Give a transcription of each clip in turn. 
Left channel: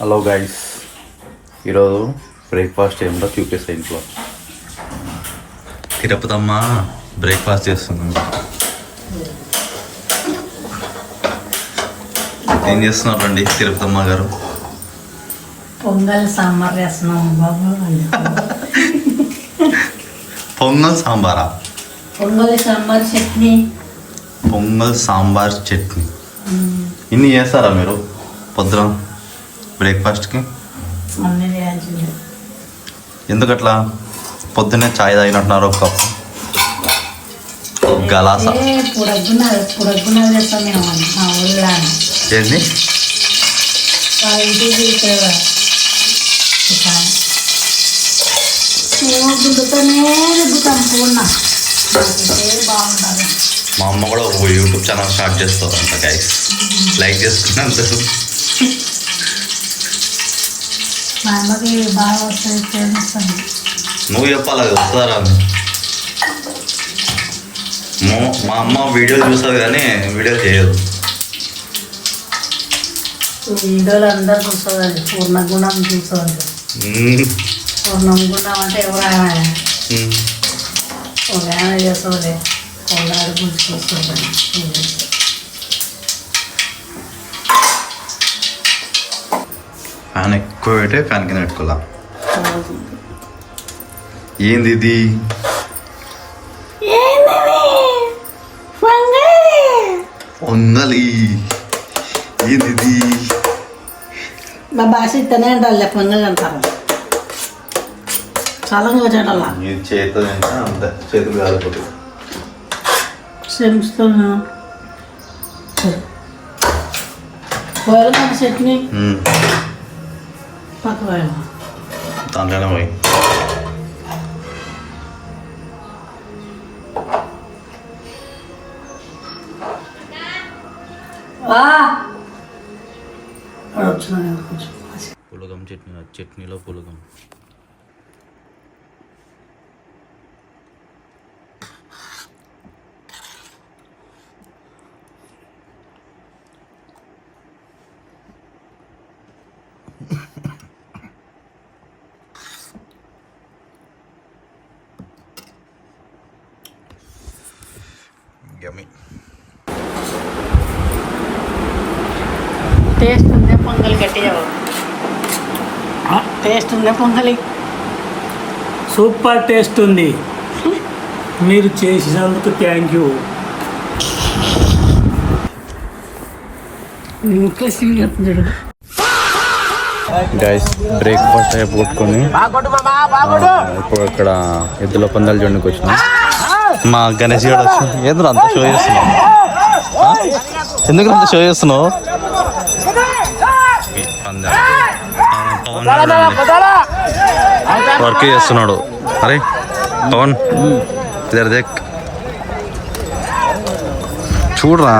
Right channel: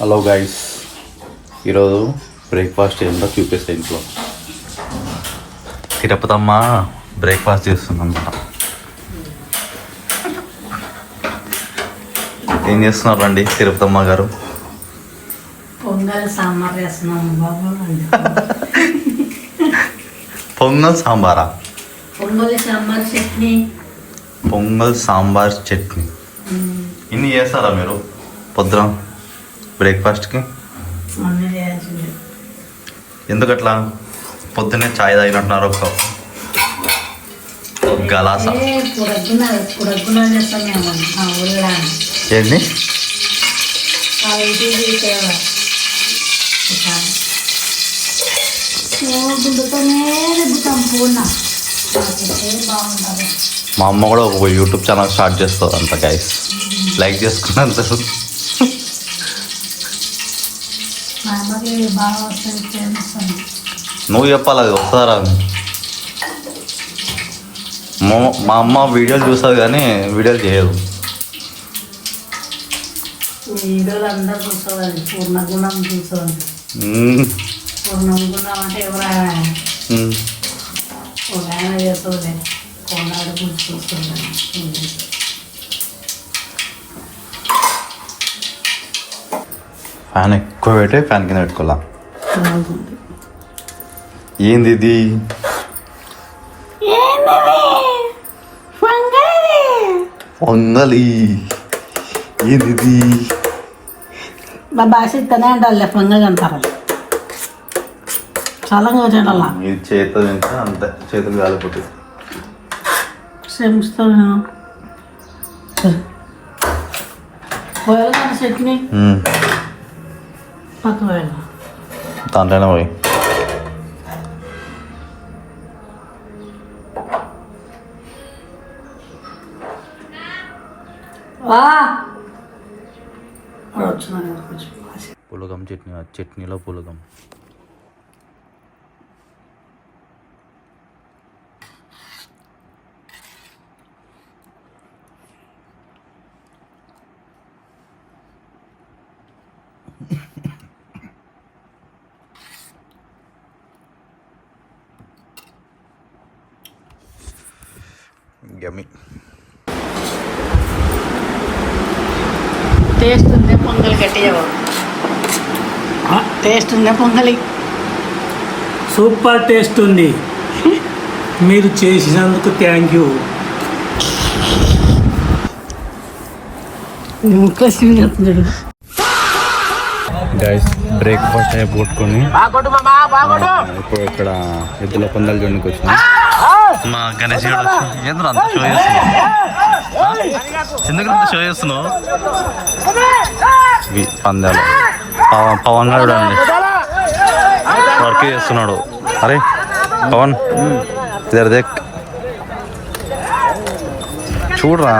Hello guys, ఈరోజు breakfast ఏంటో చూపిస్తా. ఇంట్లో తిరుపతమ్మ బ్రేక్ఫాస్ట్ చేస్తుందన్నమాట. ఏం చేస్తున్నారు అండి తిరుపతమ్మ గారు? పొంగల్ సాంబార్ చేస్తున్నాం బాబు. పొంగల్ సాంబారా? పొంగల్ సాంబార్ చట్నీ. పొంగల్ సాంబార్ చట్నీ ఇన్ని చేస్తారా మీరు పొద్దున బ్రేక్ఫాస్ట్కి? ఎందుకట్లా పొద్దున్నే చాయ్ తాగినట్టున్నారు ఒక కప్పు గలాస? ఏంటి మా అమ్మ కూడా ఒక యూట్యూబ్ ఛానల్ స్టార్ట్ చేస్తుంది అంట గైస్, లైక్ చేసుకున్నాను. మా అమ్మకి బాగా వస్తుంది, ఫేమస్ అని. నువ్వు చెప్పాలి, అది వస్తుందా? మా అమ్మ వీడియోలు చూస్తుంది కానీ వీడియోలు చేయదు. వీడియోలు అందరు చూస్తుంది, పూర్ణగుణం చూస్తుంది. పూర్ణం గుణం అంటే ఎవరైనా ఒక ఆయన చేస్తుంది, కోలాడు గురించి చూస్తుంది. ఫ్యాన్ ఎక్కువ పెట్టి ఫ్యాన్ కింద పెట్టుకోవాలా? ఏంది ఇది? పొంగలి ఏంది ఇది? మా భాష ఇస్తనే అంటారు, పొంగల్ అంటారు. చాలా వచ్చాడు అలా చేతితో అంతే, చేతులు కాలేకపోతే శ్రమిస్తూ పోయాలి మన చట్నీ పక్క పోయాలి దాంట్లోనే పోయి. పులగం చట్నీ, చట్నీలో పులగం. యమ్మీ. టేస్ట్ ఉందే పొంగల్ గట్టిగా, టేస్ట్ ఉందే పొంగలి. సూపర్ టేస్ట్ ఉంది. మీరు చేసినందుకు థ్యాంక్ యూ. గైస్, బ్రేక్ఫాస్ట్ అయిపోట్టుకొని ఇప్పుడు ఇక్కడ ఎద్దుల పందాలు చూడడానికి వచ్చినాం. మా గణేష్ గారు వచ్చిన. ఎందుకు అంత షో చేస్తున్నావు? ఎందుకు అంత షో చేస్తున్నావు? పందాలు పవన్ గారు అండి వర్క్ చేస్తున్నాడు. అరే పవన్, ఇద్దరు దేక్ చూడరా,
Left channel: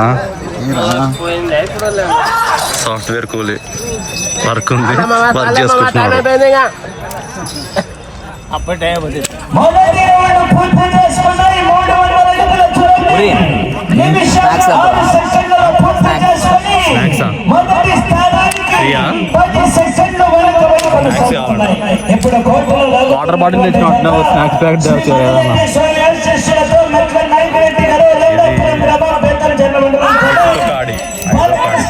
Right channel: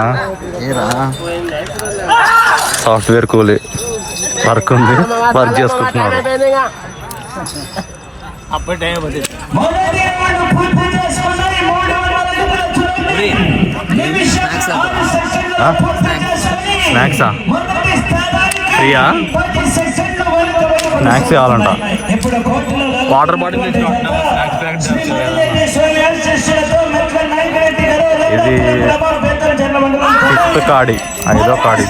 సాఫ్ట్వేర్ కూలీ వర్క్ ఉంది, వర్క్ చేసుకుంటున్నాడు. స్నాక్సా? ఫ్రీయా? స్నాక్స్ కావాలంట. వాటర్ బాటిల్ తెచ్చినట్టు స్నాక్స్ ప్యాకెట్. ఇది 6th కాడి, 5వ కాడి.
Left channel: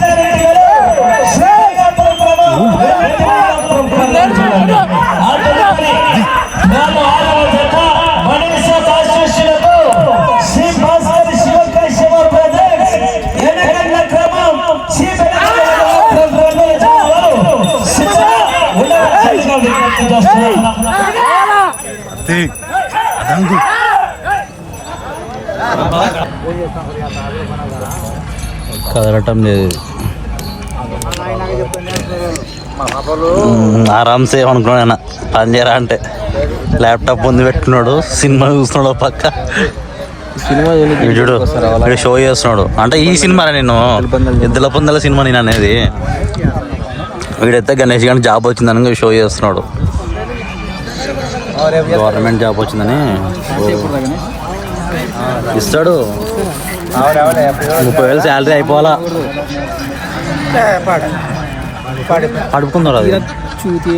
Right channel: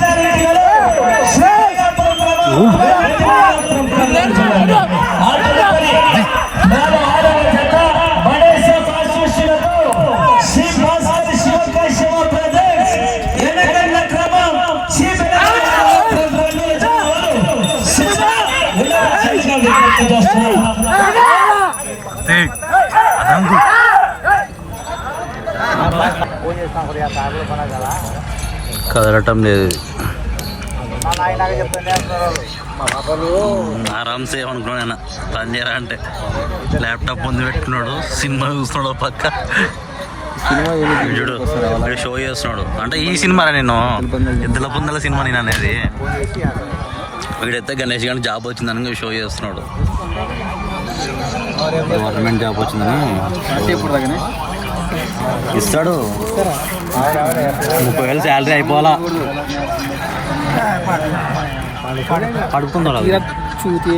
కదలటం లేదు. ఆరామ్సే అనుకున్నాను పని చేయరా అంటే. ల్యాప్టాప్ ముందు పెట్టుకున్నాడు, సినిమా చూస్తున్నాడు పక్క. చూడు వీడు షో చేస్తున్నాడు అంటే ఈ సినిమా నేను ఎద్దుల పొందల సినిమా నేను అనేది. వీడైతే గణేష్ గారికి జాబ్ వచ్చిందని షో చేస్తున్నాడు. గవర్నమెంట్ జాబ్ వచ్చిందని ఇస్తాడు. 30,000 శాలరీ అయిపోవాలా? కడుపుకుందా చూతి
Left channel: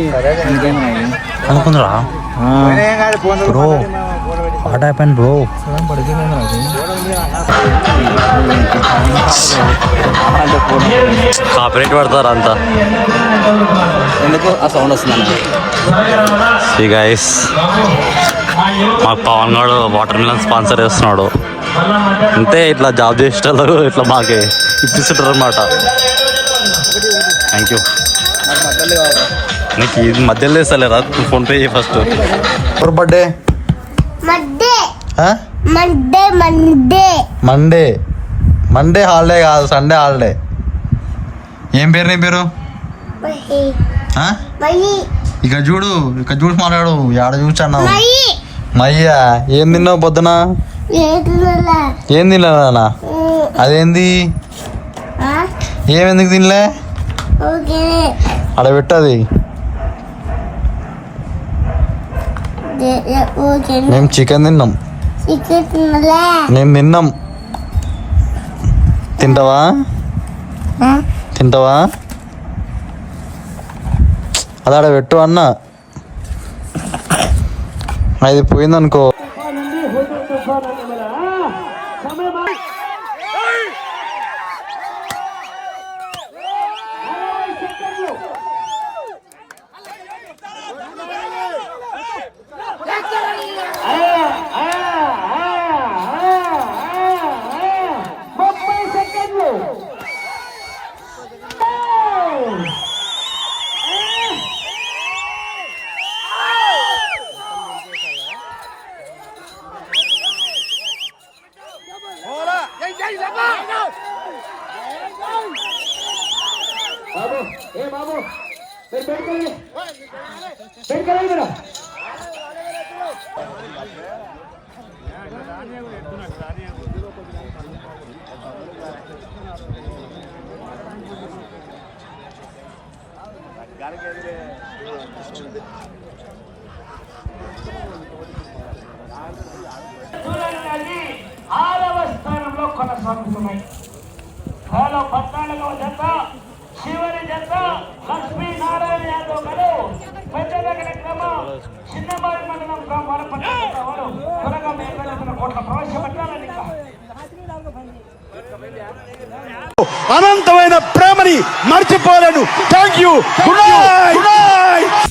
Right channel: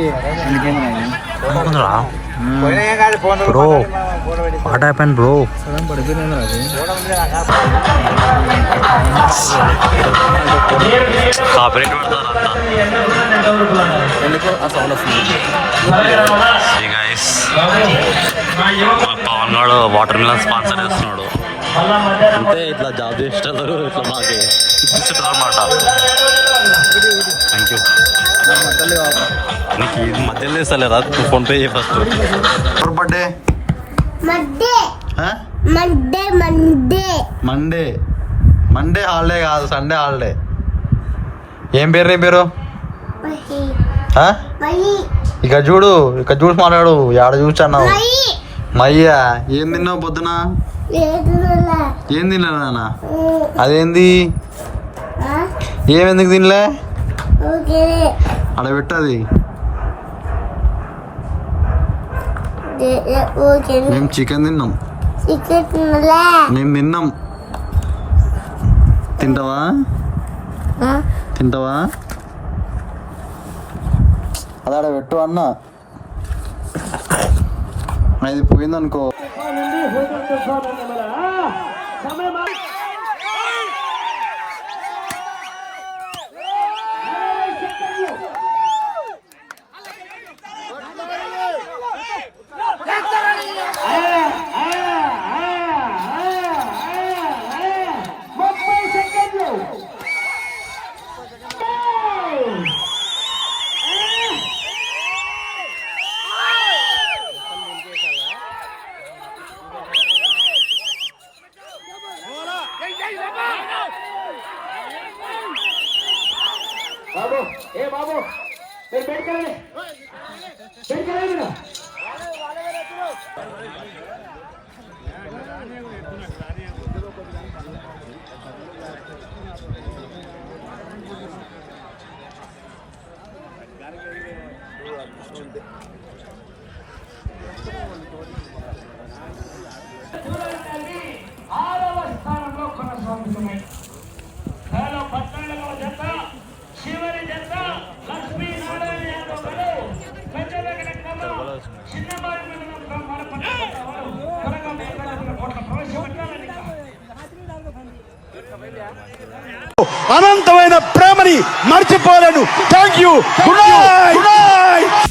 అనుకుందా bro what happen bro corporate పడతారు అంతా ఈ గైస్ మాకు పవన్ గారు వాటర్ మిలన్ స్పాన్సర్ చేస్తున్నాడు అంతే ఇట్లా జాబ్ చేసేటోళ్ళు ఇట్లా మాకే ఇప్పిస్తుంటారు అనమాట థ్యాంక్ యూ నీకు ఇది మధ్యలో వేస్తలేరా నువ్వు ఫోన్పే చేయి ఫస్ట్ ఎవరు బర్త్డే మండే మండే హాలిడే కాదు సండే హాలిడే ఏం పేరు నీ పేరు ఇక్కడ చూడు మాట్లాడు ఆడ చూసాను మయ్యా ఏం తిన్నావు పొద్దున ఏం తిన్నా అదేంది ఏమెందుకు తినలే ఆడ పెట్టది మేము చికెన్ తిన్నాం నేను తిన్నాం తింటావా అది ఆడ పెట్టు అన్న అది పోయిందనుకో ఆరవ స్థానంలో కొనసాగుతున్నాయి. హలో 14వ జత చివరి జత లక్ష్మీనారాయణ యాదవ్ గారు పెద్దదగిన క్రమం చిన్నబాయి మండలం త్వరగా మేకల కోట్ల ప్రవేశపెట్టాలని అనంతమైన ప్రేమని మర్చిపోలేను. Thank you. Good night.